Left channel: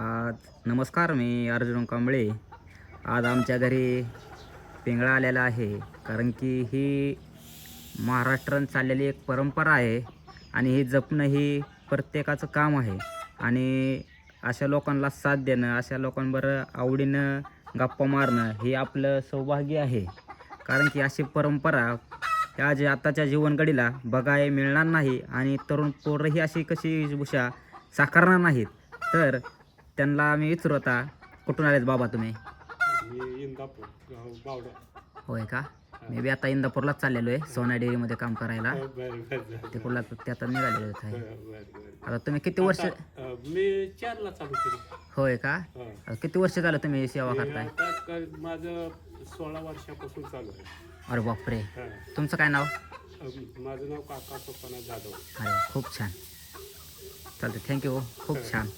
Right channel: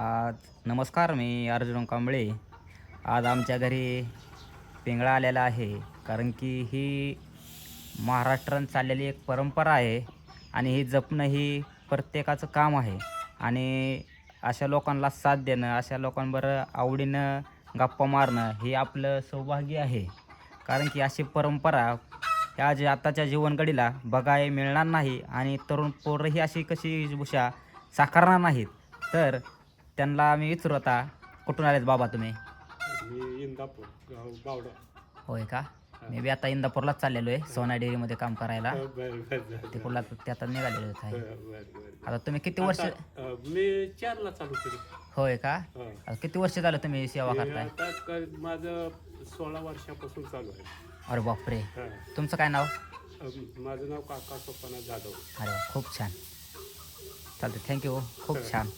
आज नमस्कार, मी अर्जुन कांबळे. आज आमच्या घरी पिंगळा आलेला आहे, कारण की ही महाराष्ट्रात चाललेली एक परंपरा आहे आणि ही जपणं ही प्रत्येकाचं काम आहे. आणि अशा लोकांना साथ देणं, अशा लोकांबरोबर आवडीनं गप्पा मारणं हे आपलं सौभाग्य आहे. कारण की अशी परंपरा ह्या जे आताच्या जीवनघडीला बघायला मिळणार नाही आणि तरुण पोरंही अशी कशी वेशभूषा साकारणार नाहीत. तर त्यांना मी विचारू आता, कुठून आलेत बाबा तुम्ही? मी इंदापूर गाव बावडा. होय का? मी बी आता इंदापूरलाच चाललेलो आहे सोना डेअरीमध्ये काम करायला. बरं बरं तिकडला ते आता निघालेलो आहे. बरं. आता तुम्ही किती वर्ष? मी 4ला चालू केली. होय का? आता किती वर्ष झालं तुम्ही सेवा करताय? आता माझं 16 वर्षापासून चालू आहे. अरे बापरे. हा. तुमचं काय नाव? माझं नाव काका सोपाना जाधव. अरे वा, खूप छान. चालतं, थँक्यू. खूप छान.